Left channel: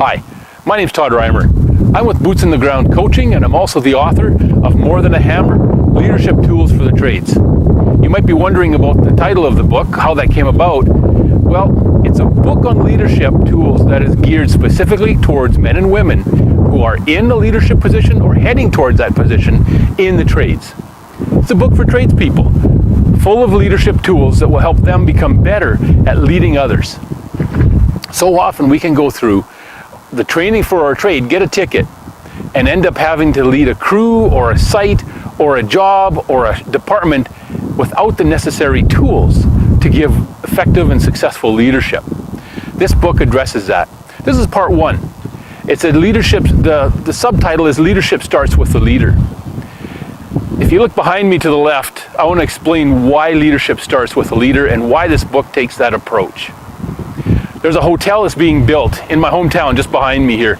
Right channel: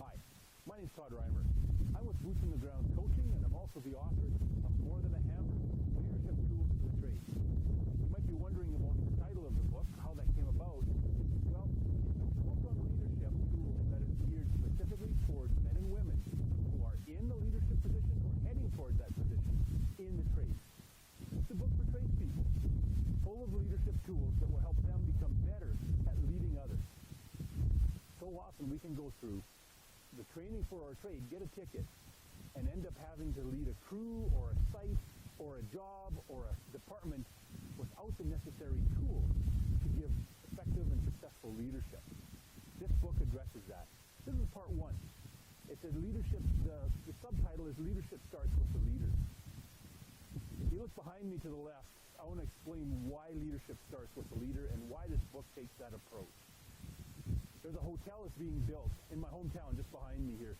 Hi, my name's Todd Reimer. I'm with Boots on the Ground Coaching, and I'm also the author of More Than a Hammer, Leadership Tools for the Trades. You might be wondering about the title of the book, how that came about. Well, it's a book on leadership tools that is geared specifically towards men and women who are in a leadership position or heading towards that position in the trades. It's a book for tradespeople, full of leadership tools that will help them become better at leading others. So often we can go through the training for our trade, get a ticket, and end up having to lead a crew or a site or a job or a department without the necessary tools to give effective and successful leadership. This book addresses that. This is part one. It's a leadership, the subtitle is Leadership Starts with the Leader. If you look behind me to the left, I want to explain why leadership starts with a leader and why this book takes that approach. There's a hotel that's being built in my hometown just behind me here,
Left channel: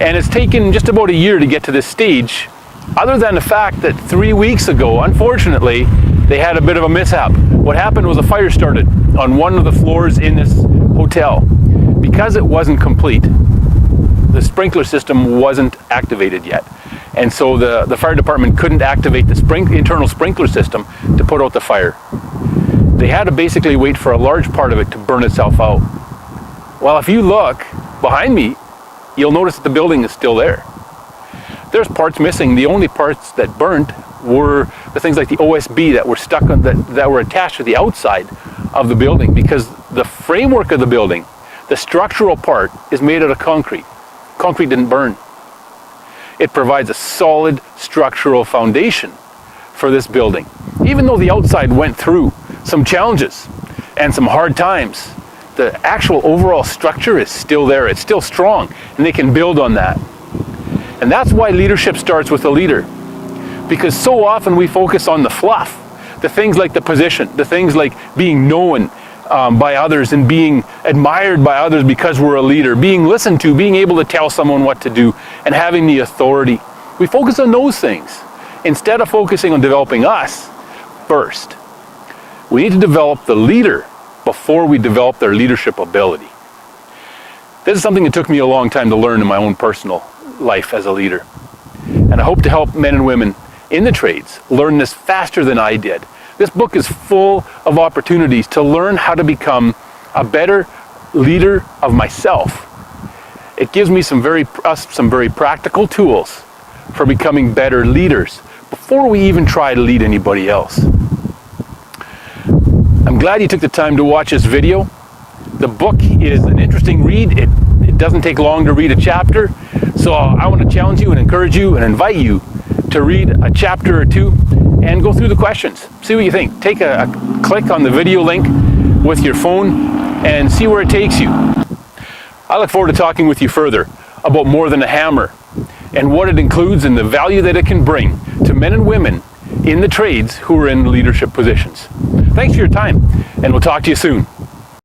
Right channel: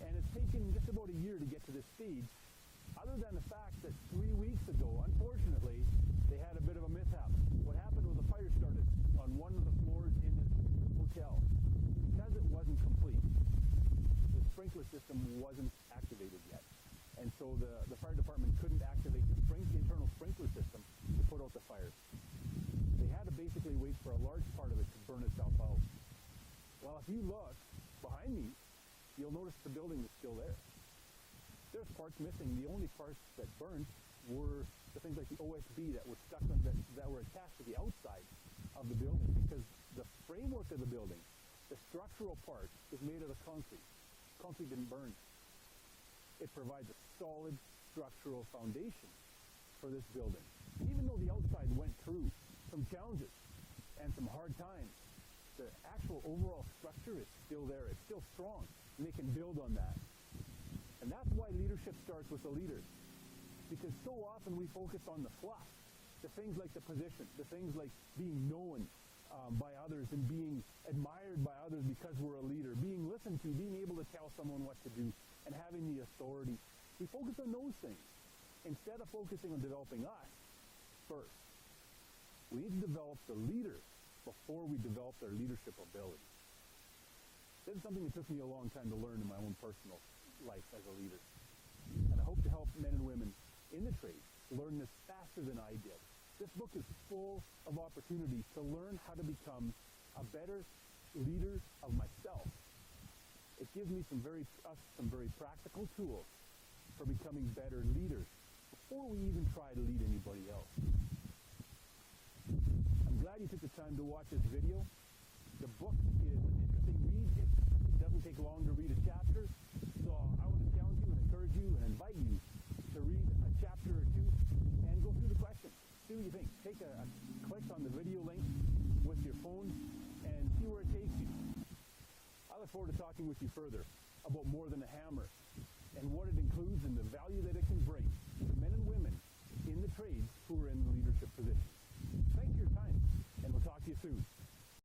and it's taken just about a year to get to this stage, other than the fact that 3 weeks ago, unfortunately, they had a bit of a mishap. What happened was a fire started on one of the floors in this hotel. Because it wasn't complete, the sprinkler system wasn't activated yet. And so the fire department couldn't activate the internal sprinkler system to put out the fire. They had to basically wait for a large part of it to burn itself out. Well, if you look behind me, you'll notice that the building is still there. There's parts missing. The only parts that burnt were the things like the OSB that were stuck on that were attached to the outside of the building, because the framework of the building, the structural part, is made out of concrete. Concrete didn't burn. It provides a solid structural foundation for this building. Even though the outside went through some challenges and some hard times, the actual overall structure is still there. It's still strong, and they can build on that. And that's why leadership starts with a leader. Because so often we focus on the fluff, the things like the position, the things like being known by others and being admired by others because we're a leader, being listened to, being able to tell someone what to do, and having the authority. We focus on those things instead of focusing on developing us first. We need to develop the leader before we develop their leadership ability. This is something that took me a long time to learn in my own personal life as a leader. And I hope to help men and women in the trades learn this faster than I did. This book is full of opportunities to learn how to become a better leader of myself. It gives me some very practical tools for becoming better leaders before we even try to lead anybody else. I'm glad you took the time to watch this video. The book is an interesting read. It doesn't take long to read a chapter. So I want to challenge you and encourage you and invite you to read a chapter or two and go through the questions. See what you think. Take a click on the video link with your phone and see where it takes you. I look forward to talking with you further about More Than a Hammer and what it includes and the value that it can bring to men and women in the trades who are in leadership positions. Thanks for your time, and we'll talk to you soon.